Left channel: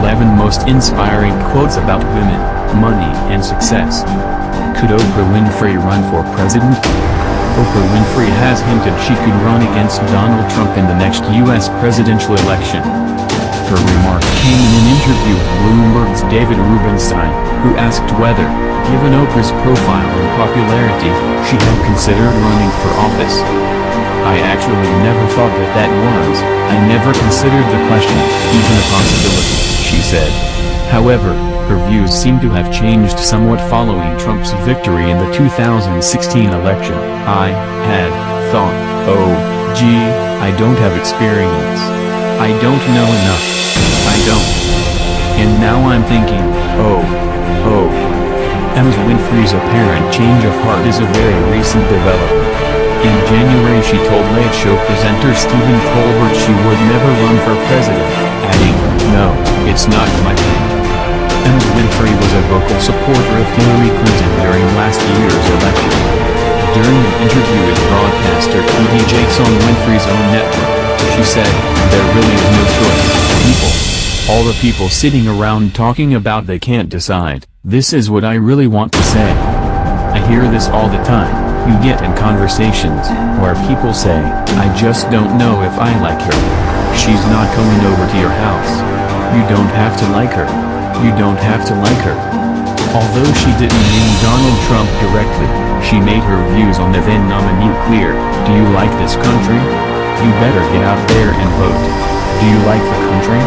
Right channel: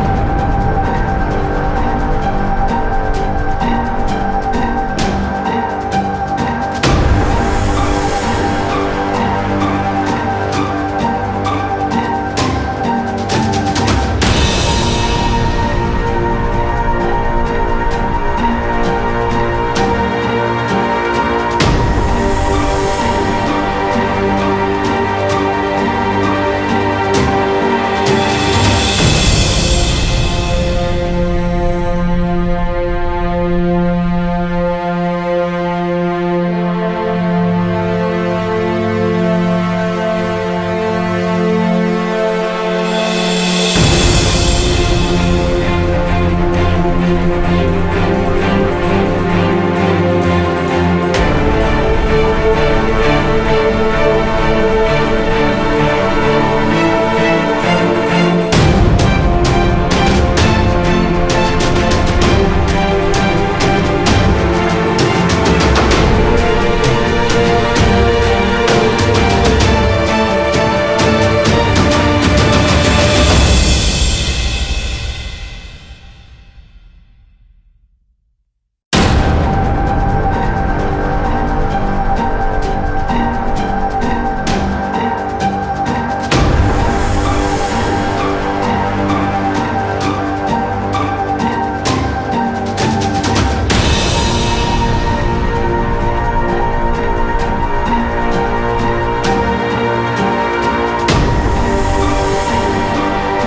11 most inspiring quotes about women, money and success. Could Oprah Winfrey run for president? Oprah Winfrey has hinted she could run against Donald Trump in the next U.S. presidential election. Her remarks came in an interview with Bloomberg's David Rubenstein, who asked whether, given Oprah's profile and popularity, she had considered running for office. "I actually never thought that was, I never considered the question, even a possibility," she said. However, her views seem to have changed somewhat following Trump's victory in the 2016 election. "I had thought, oh, gee, I don't have experience. I don't know enough. I don't. And now I'm thinking, oh. Ms. Winfrey's apparent change of heart is a very recent development. In January she told late show presenter Stephen Colbert she would never run for president, adding, "No, it's not like that." Ms. Winfrey was a vocal supporter of Hillary Clinton during last year's election. During an interview with broadcaster TV Jakes on Winfrey's own network, she said, "There really is no choice, people. All the people sitting around talking about they can't decide, this is what I really want to say. I hear this all the time. You get in conversations, where people say, I just don't know if I like her. She's not coming over to your house. You don't have to like her. You don't have to like her." Although she didn't name Donald Trump directly, she made her views on the then nominee clear. "Do you like this country? You better get out there and vote. Do you like the country?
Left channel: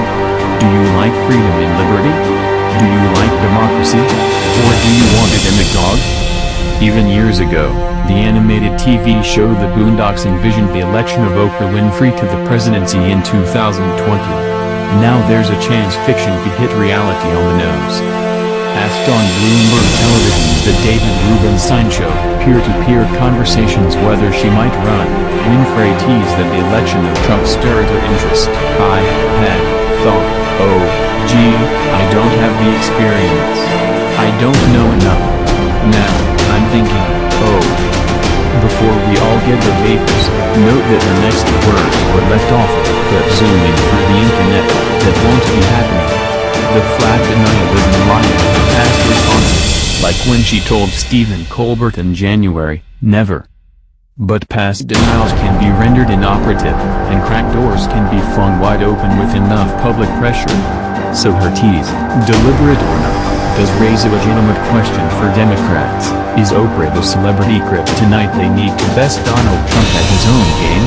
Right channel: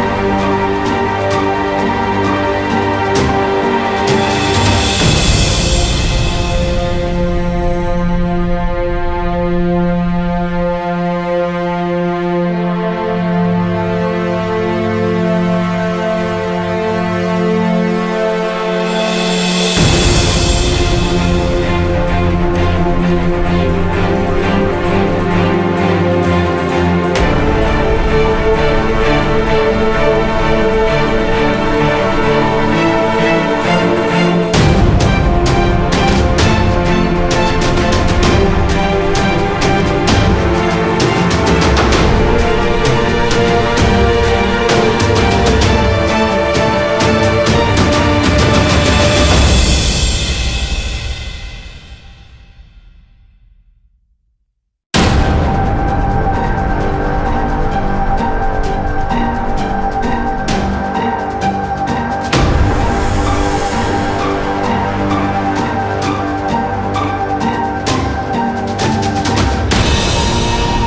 Do you like freedom and liberty? Do you like democracy? Or do you want a demagogue?" Even years ago, the animated TV show The Boondocks envisioned the election of Oprah Winfrey to the presidency in 2020. Now there's a chance fiction could hit reality on the nose. Asked on Bloomberg Television's The David Rubenstein Show, peer-to-peer conversations whether she might run, Winfrey teased that the election of Trump stirred her interest. "I had thought, oh, gee, I don't have the experience. I don't know enough. Now, I'm thinking, oh." Before we all give the papers, note that her next words were left off, presumably through the internet, that won't be happening. The flat denial isn't lying, past responses, like when she told Stephen Colbert in January, "Never." But past denials can be rendered inoperative, and cracked doors can be flung wide open with enough public pressure. So her tease, deliberate or not, does raise a legitimate question for Democrats. Is Oprah the celebrity kryptonite they need to best Donald Trump at his own game?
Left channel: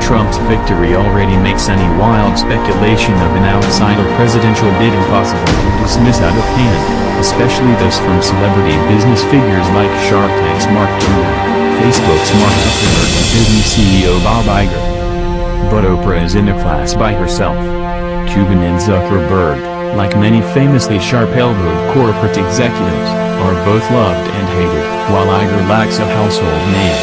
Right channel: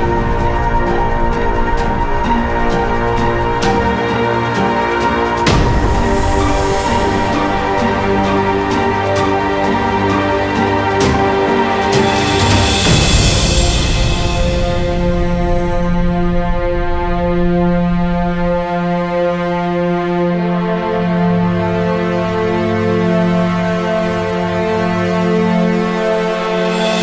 Trump's victory already makes any wild speculation of an outsider presidential bid impossible to dismiss out of hand, especially those from celebrity business figures like Shark Tank's Mark Cuban, Facebook's Mark Zuckerberg and Disney CEO Bob Iger. But Oprah is in a class by herself. Cuban and Zuckerberg, like many famously sharp-elbowed corporate executives, are both loved and hated, while Iger lacks a household name.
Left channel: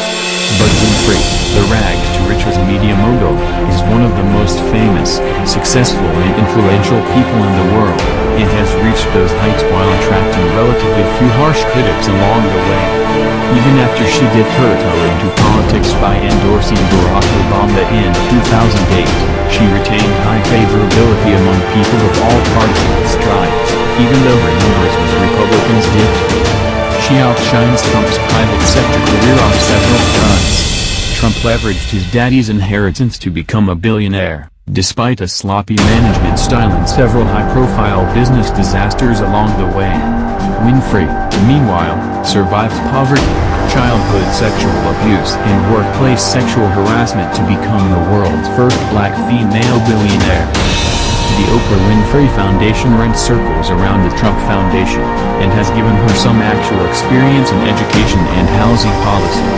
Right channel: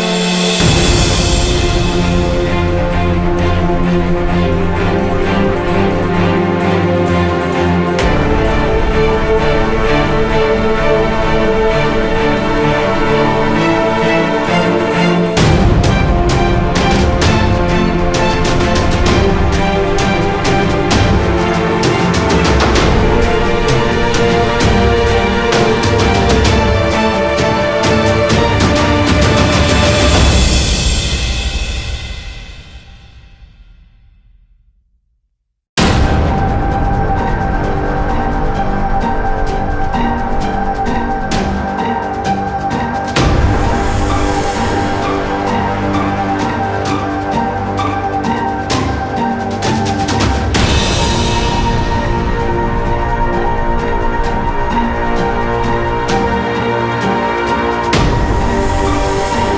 But Winfrey, the rags-to-riches media mogul, is one of the most famous, successful and influential people in the world. It has reached those heights while attracting relatively few harsh critics along the way. Even after she did her toe into politics by endorsing Barack Obama in 2008, she retained high favorability among people of all parties and strides, even though her dealings with Republicans did. She outshines Trump's private sector career on several fronts. Trump leveraged his daddy's inheritance to become a billionaire, despite a sloppy management style and several high-profile business disasters along the way. Winfrey, meanwhile, survived poverty, childhood sexual abuse and workplace sexual harassment to become the world's first black female billionaire. The Oprah Winfrey Foundation runs circles around the Trump Foundation, and has given her some actual experience in education and housing policy.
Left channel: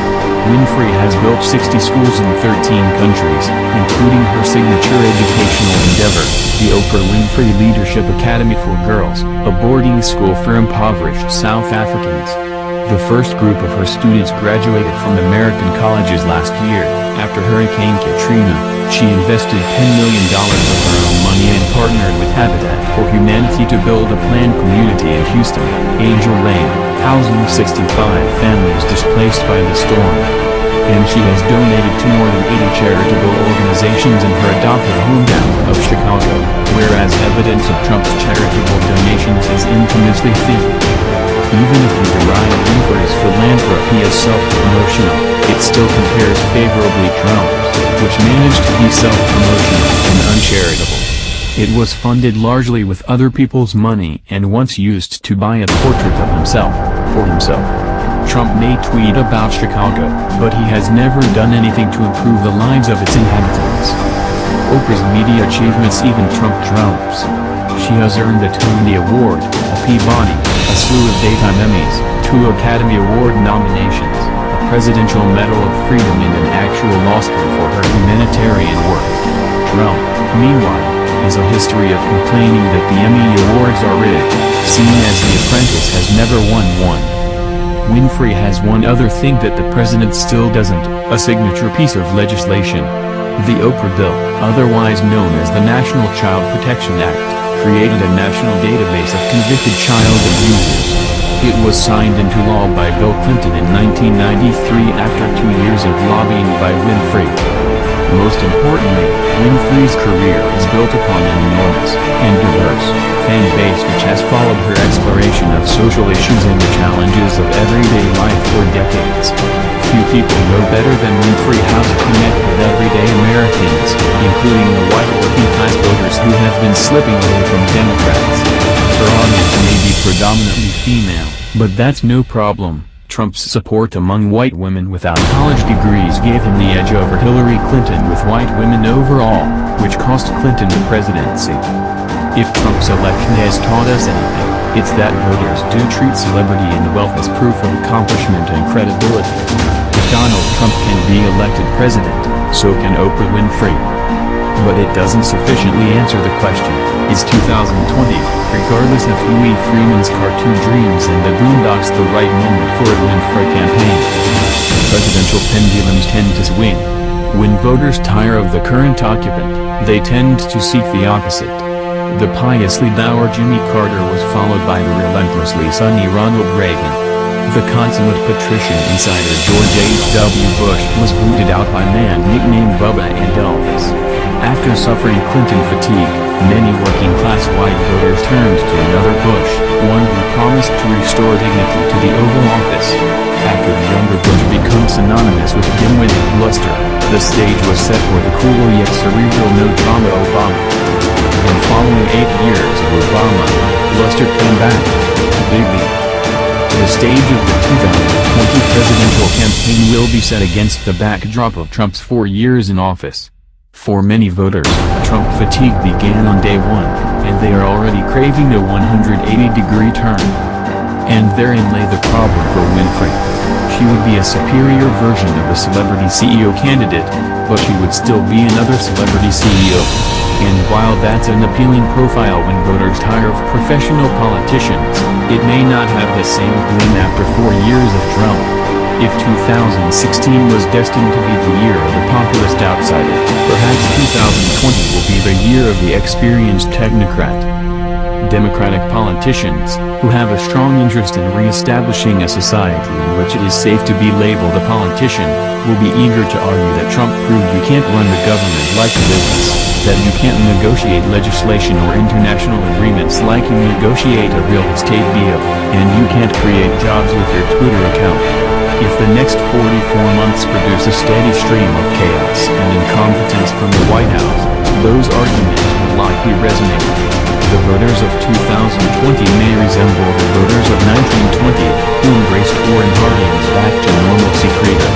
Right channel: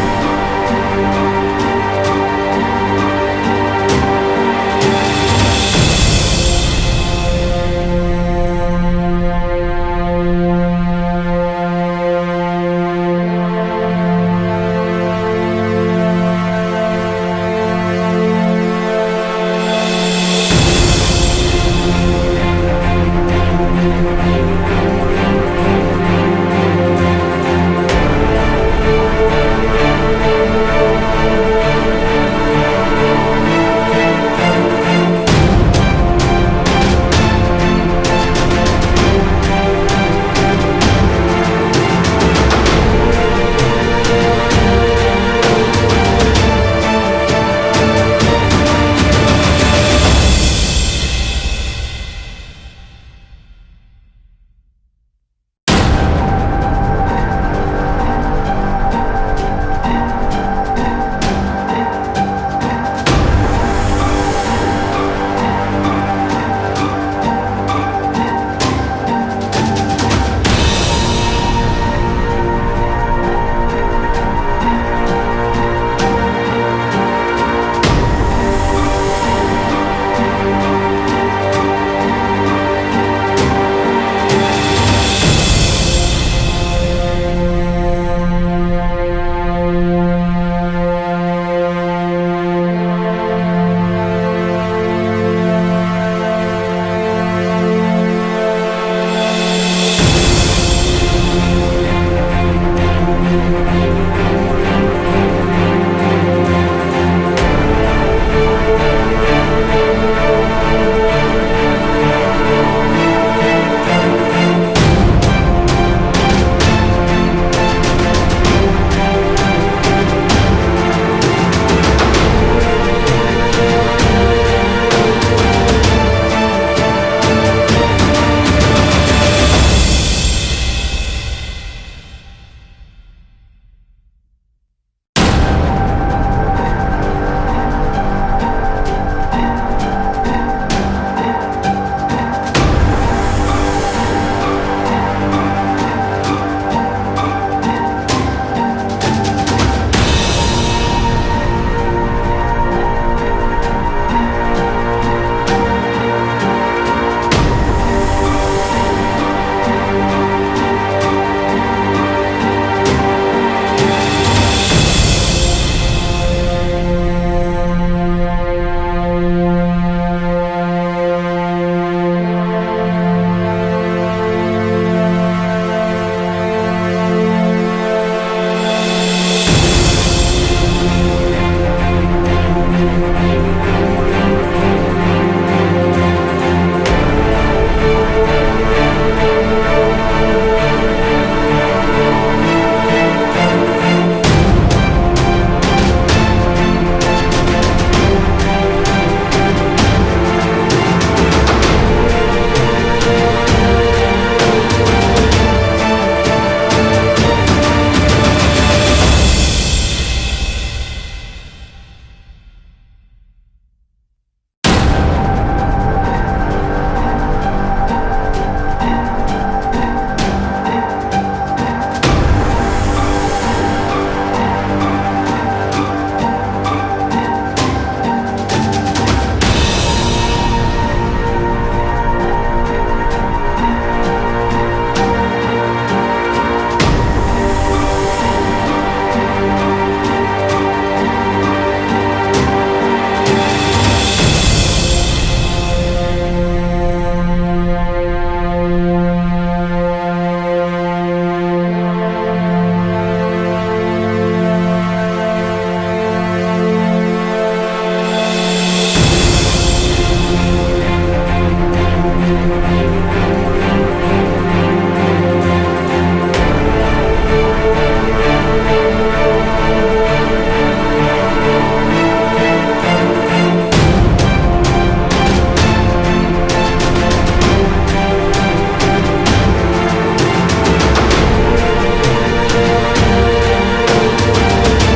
Winfrey has built 60 schools in 13 countries, including her signature educational endeavor, the Oprah Winfrey Leadership Academy for Girls, a boarding school for impoverished South Africans. The first group of her students graduated from American colleges last year. After Hurricane Katrina, she invested $10 million of her own money and partnered with Habitat for Humanity to build a planned community in Houston, Angel Lane, housing 65 families displaced by the storm. And she has donated to more than 80 charitable organizations in her adopted hometown of Chicago, whereas evidence of Trump's was funded largely with other people's money and once used to buy a portrait of himself, for himself. Trump may tweet about Chicago, but he has never done anything to improve the lives of its inhabitants. Oprah's media achievements even trump Trump's. She has earned a Tony Award, a Peabody, a slew of Daytime Emmys, 2 Academy Award nominations, a Presidential Medal of Freedom and an actual law school for her humanitarian work. Trump, meanwhile, has a history of complaining that the Emmy Awards are rigged, seeing as The Apprentice has never won one. Winfrey has one other thing that the president still doesn't, a signature piece of legislation. The Oprah Bill, otherwise known as the National Child Protection Act, created a national database of convicted child abusers. It was signed into law by Bill Clinton in 1993 after 2 years of lobbying by Winfrey. Most importantly, Winfrey's career is built upon an enormous and diverse fan base which has followed her exploration of social issues and the challenges of everyday life for decades. Few people know better than Winfrey how to connect with everyday Americans, including the white working-class voters who have been slipping away from Democrats. Her audience may be predominantly female, but that's no problem. Trump's support among white women without college degrees gave him the edge over Hillary Clinton with white women overall, which cost Clinton the presidency. If Trump's election has taught us anything, it's that voters do treat celebrity and wealth as proof of accomplishment and credibility. Donald Trump can be elected president, so can Oprah Winfrey. But it doesn't sufficiently answer the question, is 2020, regardless of Louis Freeman's cartoon dreams and the Boondocks, the right moment for a Winfrey campaign? Presidential pendulums tend to swing. When voters tire of the current occupant, they tend to seek the opposite. The piously dour Jimmy Carter was followed by the relentlessly sunny Ronald Reagan. The consummate patrician insider George H.W. Bush was booted out by a man nicknamed Bubba and Elvis. After suffering Clinton fatigue, many working-class white voters turned to another Bush, one who promised to restore dignity to the Oval Office. After the younger Bush becomes synonymous with dimwit and bluster, the stage was set for the cool yet cerebral no John Obama. The following 8 years of Obama, bluster came back. The stage of the 2020 presidential campaign will be set against the backdrop of Trump's 4 years in office. For many voters, Trump fatigue began on day one, and they are already craving a 180-degree turn. And therein lay the problem for Winfrey. She would be a superior version of a celebrity CEO candidate, but she would still be another celebrity CEO. And while that's an appealing profile when voters tire of professional politicians, it may not have the same grin after 4 years of Trump. If 2016 was destined to be the year of the populist outsider, perhaps 2020 will be the year of the experienced technocrat. Democratic politicians, who have a strong interest in re-establishing a society in which it is safe to be labeled a politician, will be eager to argue that Trump proved you can't run the government like a business, that you can't negotiate legislation or international agreements like you negotiate a real estate deal, and you can't create jobs with your Twitter account. If the next 44 months produce a steady stream of chaos and incompetence from the White House, those arguments will likely resonate. The voters of 2020 may resemble the voters of 1920, who embraced wholehearted back to normalcy later.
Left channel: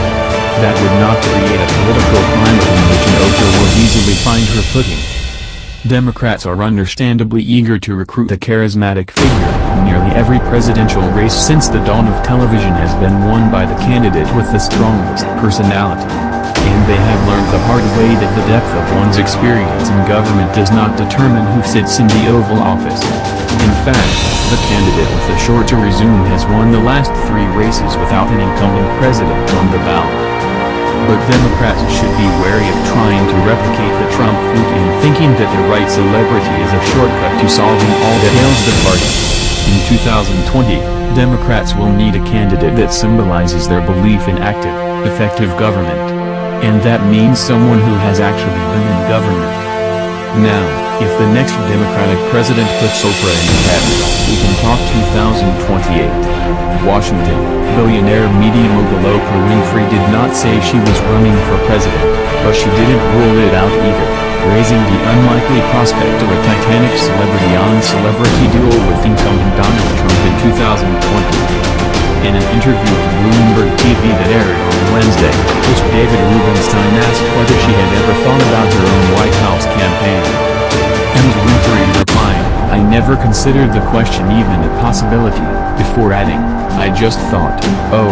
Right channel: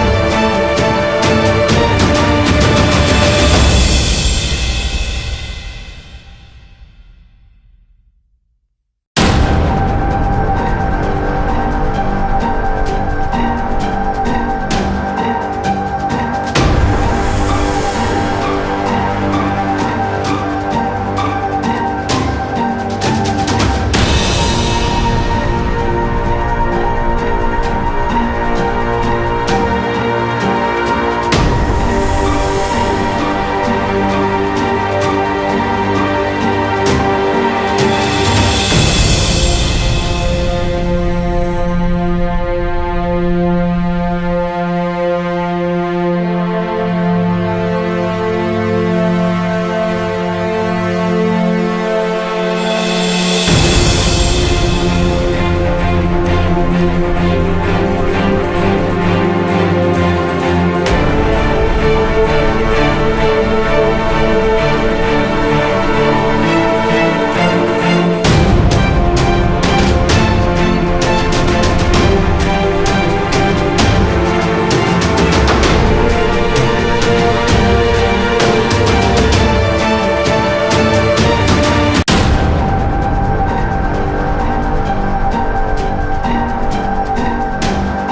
That would not create a political climate in which Oprah will easily find her footing. Democrats are understandably eager to recruit a charismatic figure. Nearly every presidential race since the dawn of television has been won by the candidate with the strongest personality. And they have learned the hard way that the depth of one's experience in government does not determine who sits in the Oval Office. In fact, the candidate with the shorter resume has won the last 3 races without an incumbent president on the ballot. But Democrats should be wary of trying to replicate the Trump fluke and thinking that the right celebrity is a shortcut to solving all that ails the party. In 2020, Democrats will need a candidate that symbolizes their belief in active, effective government. And that means someone who has actually been in government. Now, if the next Democratic president puts Oprah in the head. We can talk 2028. Washington, billionaire media mogul Oprah Winfrey did not say she was running for president, but she didn't rule it out either, raising the unlikely prospect of a Titanic celebrity-on-celebrity duel with incumbent Donald Trump in 2020. In an interview with Bloomberg TV that aired on Wednesday, Host David Rubenstein asked whether she had ever thought about her own White House campaign. Ms. Winfrey replied, "I never considered the question even a possibility," before adding, "I just thought, oh.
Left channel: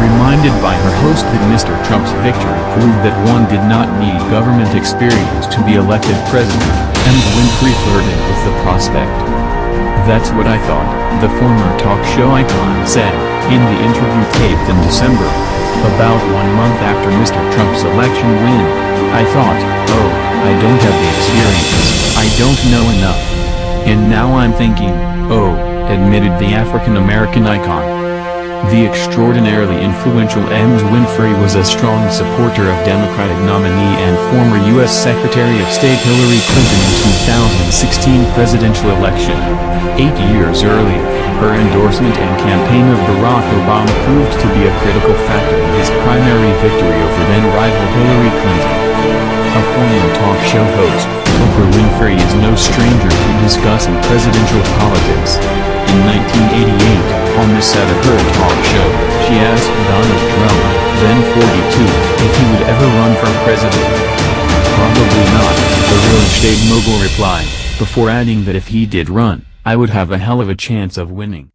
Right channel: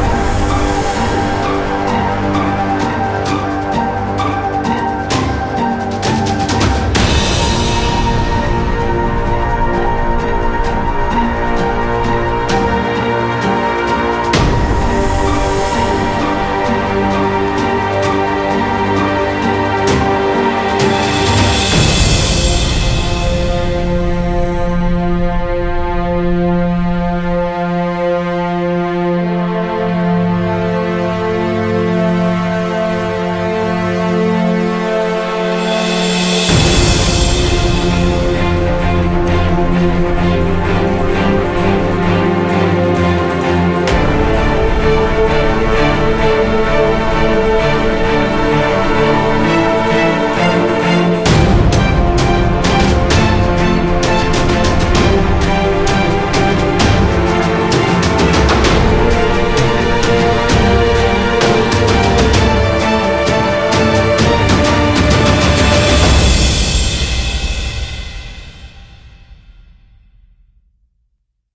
Reminded by her host that Mr. Trump's victory proved that one did not need government experience to be elected president, Ms. Winfrey flirted with the prospect. "That's what I thought," the former talk show icon said, in the interview taped in December. About 1 month after Mr. Trump's election win, "I thought, oh, I don't have the experience, I don't know enough. And now I'm thinking, oh," admitted the African-American icon. The extraordinarily influential Ms. Winfrey was a strong supporter of Democratic nominee and former U.S. Secretary of State Hillary Clinton's 2016 presidential election. 8 years earlier, her endorsement and campaign of Barack Obama proved to be a critical factor in his primary victory over then-rival Hillary Clinton. A former talk show host, Oprah Winfrey is no stranger to discussing presidential politics. In 1988, on the set of her talk show, she asked Donald Trump, then 42, if he would ever run for president. "Probably not," the real estate mogul replied, before adding that if he did run, "I would have a hell of a chance of winning."